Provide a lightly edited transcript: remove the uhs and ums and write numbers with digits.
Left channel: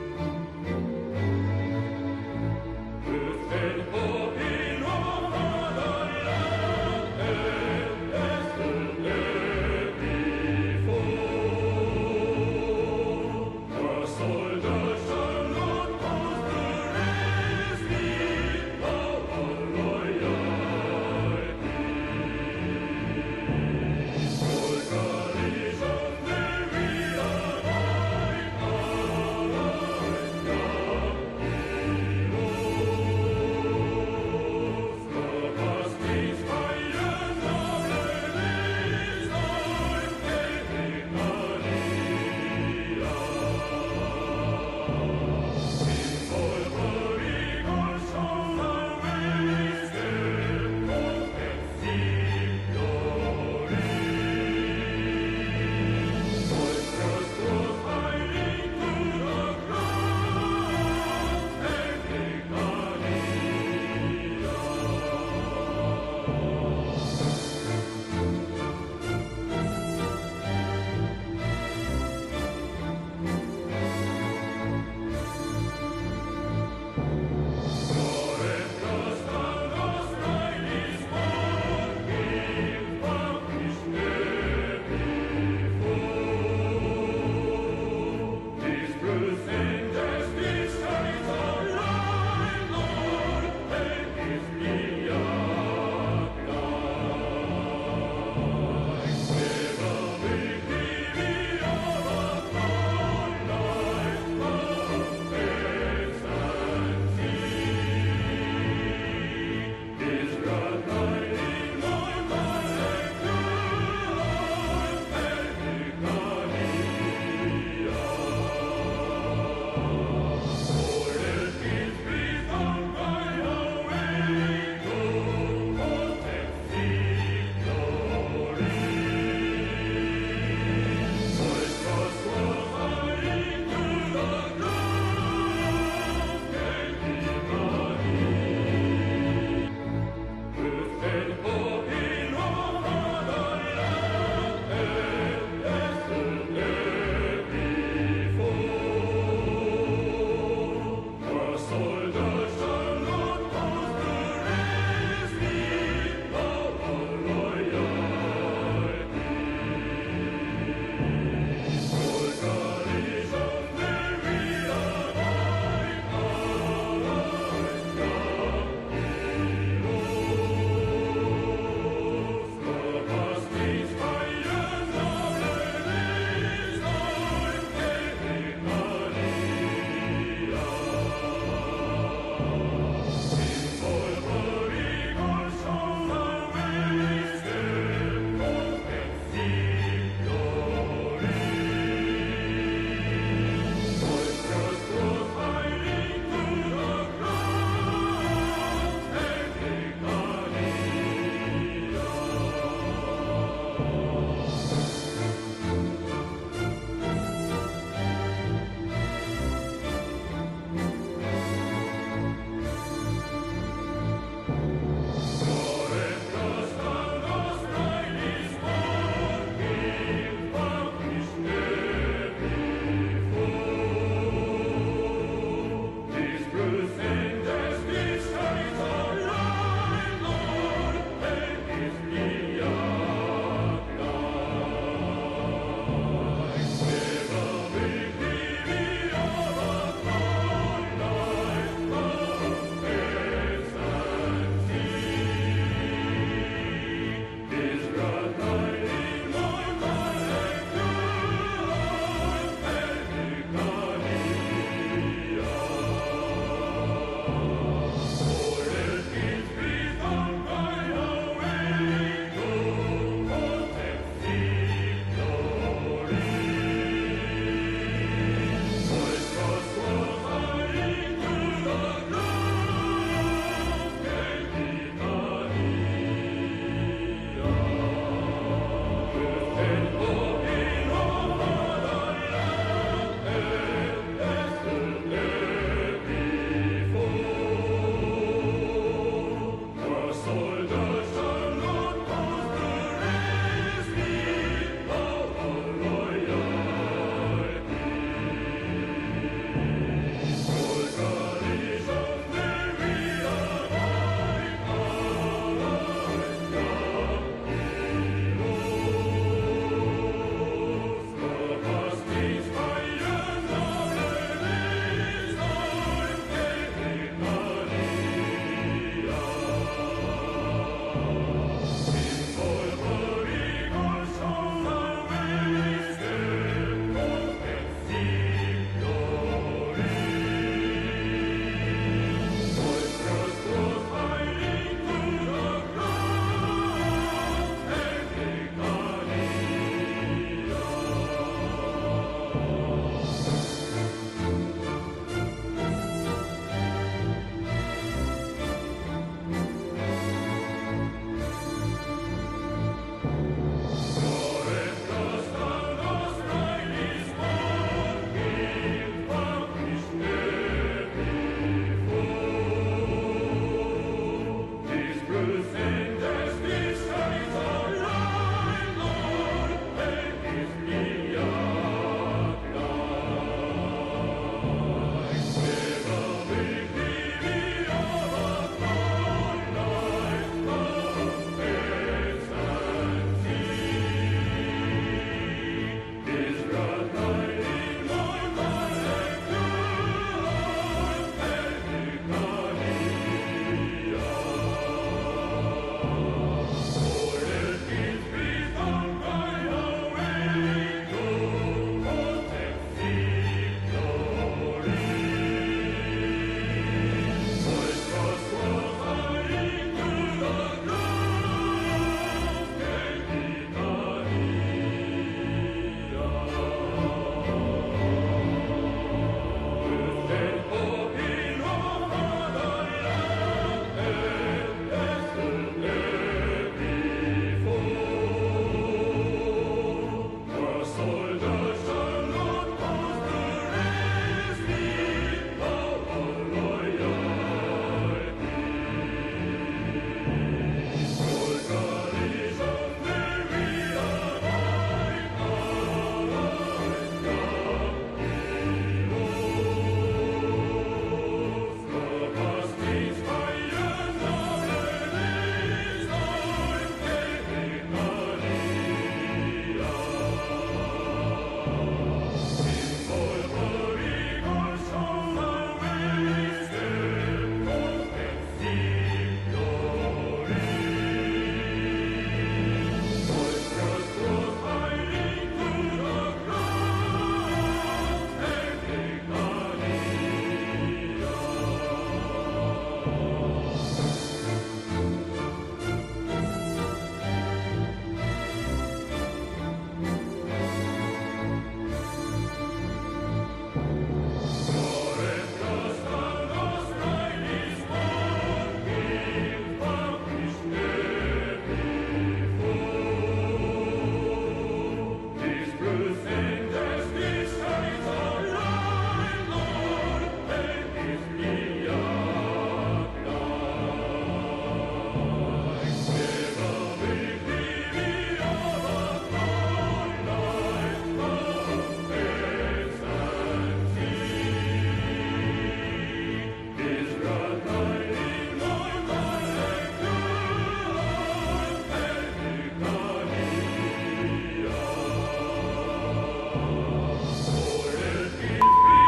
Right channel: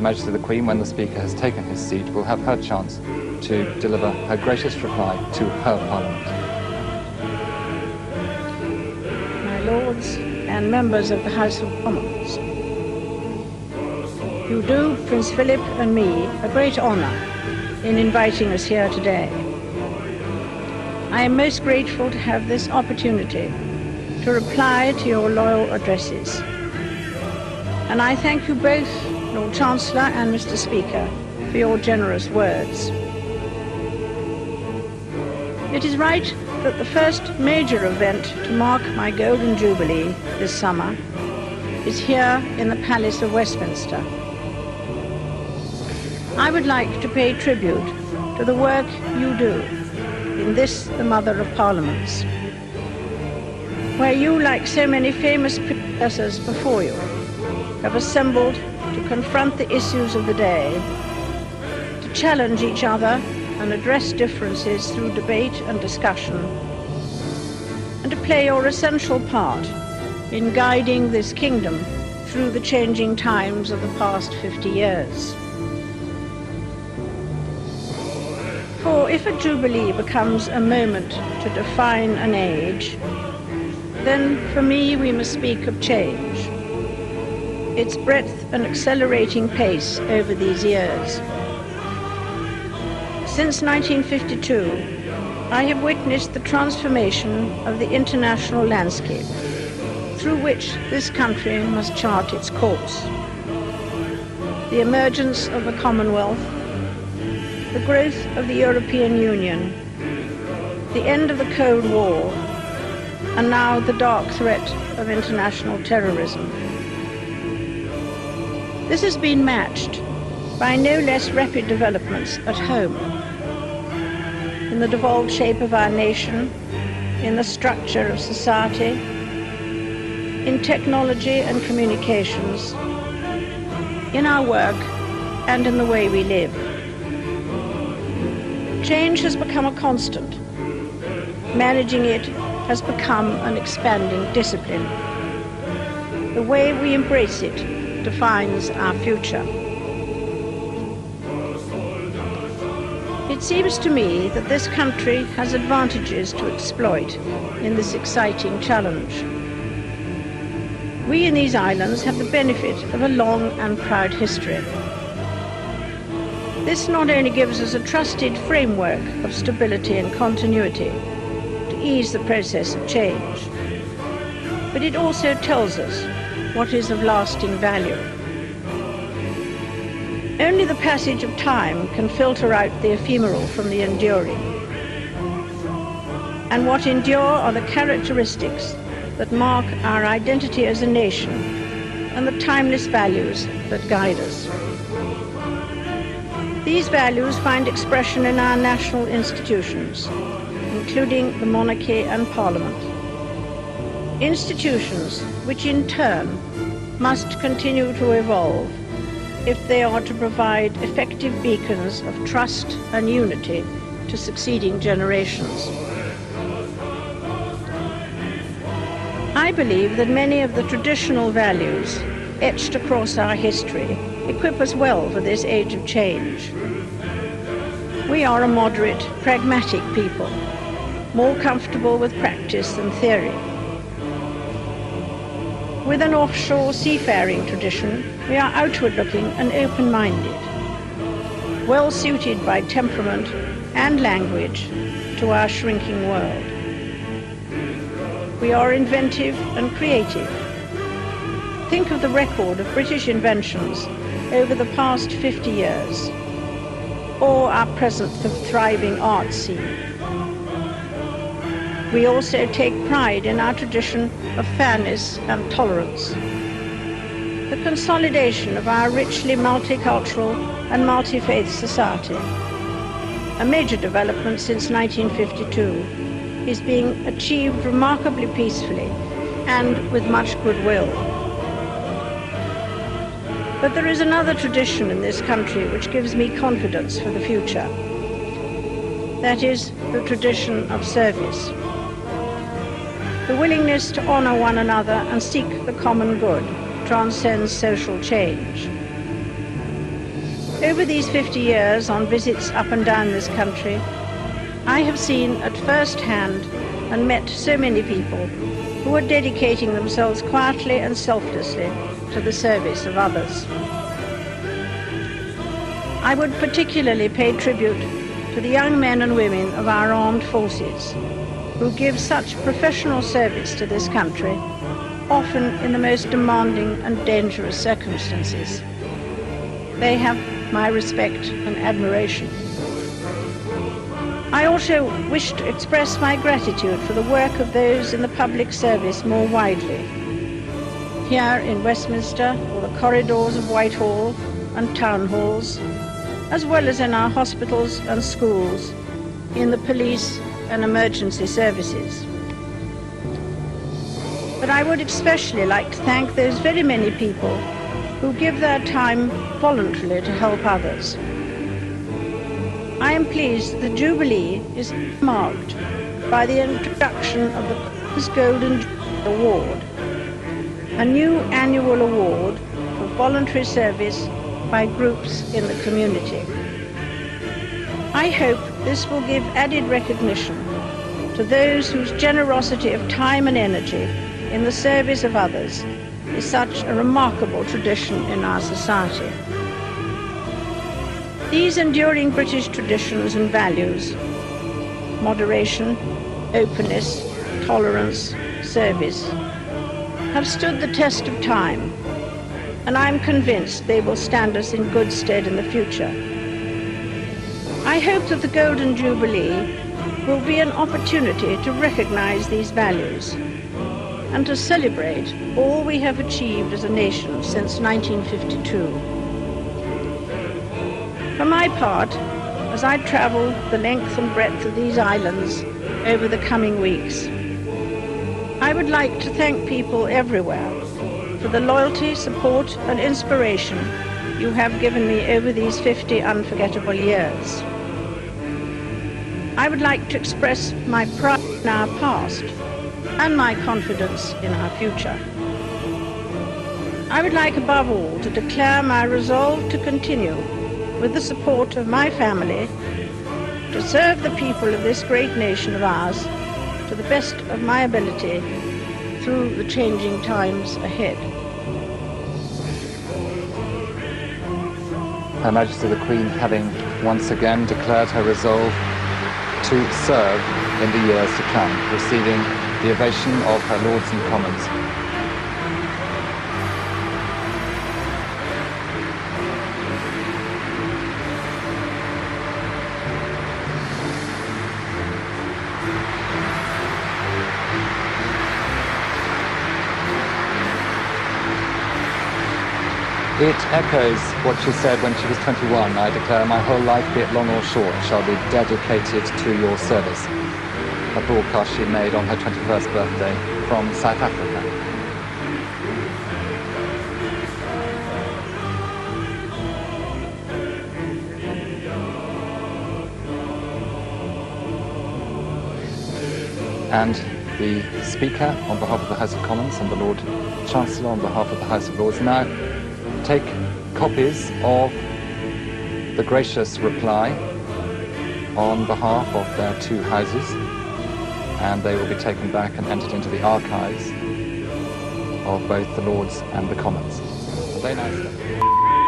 Her Majesty the Queen, when the Speaker has taken his seat, will have her chance to deliver her gracious reply to her Parliament. My Lords and members of the House of Commons, you do Prince Philip and me a great honour in inviting us here today. I am most grateful to have this opportunity to reply to your loyal addresses. And I thank you both, Lord Chancellor and Mr. Speaker, for your generous words. It is right that the first major event to mark my Golden Jubilee this summer is here in the Palace of Westminster. I would like to pay tribute to the work you do in this, the Mother of Parliaments, where you, like so many famous predecessors before you, have assembled to confront the issues of the day, to challenge each other and address differences through debate and discussion, and to play your essential part in guiding this kingdom through the changing times of the past 50 years. For if a jubilee becomes a moment to define an age, then for me we must speak of change, its breadth and accelerating pace over these years. Since 1952, I have witnessed the transformation of the international landscape through which this country must chart its course. The emergence of the Commonwealth, the growth of the European Union, the end of the Cold War, and now the dark threat of international terrorism. This has been matched by no less rapid developments at home, in the devolved shape of our nation, in the structure of society, in technology and communications, in our work, and in the way we live. Change has become a constant. Managing it has become an expanding discipline. The way we embrace it defines our future. It seems to me that this country has advantages to exploit in this exciting challenge. We in these islands have the benefit of a long and proud history. This not only gives us a trusted framework of stability and continuity to ease the process of change, but it also tells us what is of lasting value. Only the passage of time can filter out the ephemeral from the enduring. And what endure are the characteristics that mark our identity as a nation and the timeless values that guide us. These values find expression in our national institutions, including the monarchy and parliament. Institutions which in turn must continue to evolve if they are to provide effective beacons of trust and unity to succeeding generations. I believe that many of the traditional values etched across our history equip us well for this age of change. We are a moderate, pragmatic people, more comfortable with practice than theory. With an offshore seafaring tradition, we are outward-looking and open-minded, well suited by temperament and language to our shrinking world. We are inventive and creative. Think of the record of British inventions over the past 50 years, or our present thriving art scene. We also take pride in our tradition of fairness and tolerance. The consolidation of our richly multicultural and multi-faith society, a major development since 1952, is being achieved remarkably peacefully and with much goodwill. But there is another tradition in this country which gives me confidence for the future. That is the tradition of service. The willingness to honor one another and seek the common good transcends social change. Over these 50 years on visits up and down this country, I have seen at first hand and met so many people who are dedicating themselves quietly and selflessly to the service of others. I would particularly pay tribute to the young men and women of our armed forces who give such professional service to this country, often in the most demanding and dangerous circumstances. They have my respect and admiration. I also wish to express my gratitude for the work of those in the public service more widely. Here in Westminster, the corridors of Whitehall and town halls, as well as in our hospitals and schools, in the police and emergency services. But I would especially like to thank those very many people who give their time voluntarily to help others. I am pleased the Jubilee is marked by the introduction of the People's Golden Award, a new annual award for voluntary service by groups in the community. I hope this will give added recognition to those whose generosity of time and energy in the service of others is such a remarkable tradition in our society. These enduring British traditions and values, moderation, openness, tolerance, service, have stood the test of time, and I am convinced they will stand us in good stead in the future. I hope that the Golden Jubilee will be an opportunity to recognize these values and to celebrate all we have achieved as a nation since 1952. For my part, as I travel the length and breadth of these islands over the coming weeks, I would like to thank people everywhere for the loyalty, support and inspiration you have given me over these 50 unforgettable years. I would like to express my pride in our past and my confidence in our future. I would like above all to declare my resolve to continue with the support of my family to serve the people of this great nation of ours to the best of my ability through the changing times ahead. Her Majesty the Queen having once again declared her resolve to serve in the years to come, receiving the ovation of her Lords and Commons. It echoes what she said when she was 21. I declare my whole life, be it long or short, shall be dedicated to your service. A broadcast she made on her 21st birthday from South Africa. And the Speaker, on behalf of the House of Commons, and the Lord Chancellor, on behalf of the House of Lords, now take copies of the gracious reply on behalf of their two houses, and they will be taken back and entered into the archives of both the Lords and the Commons. Very nice.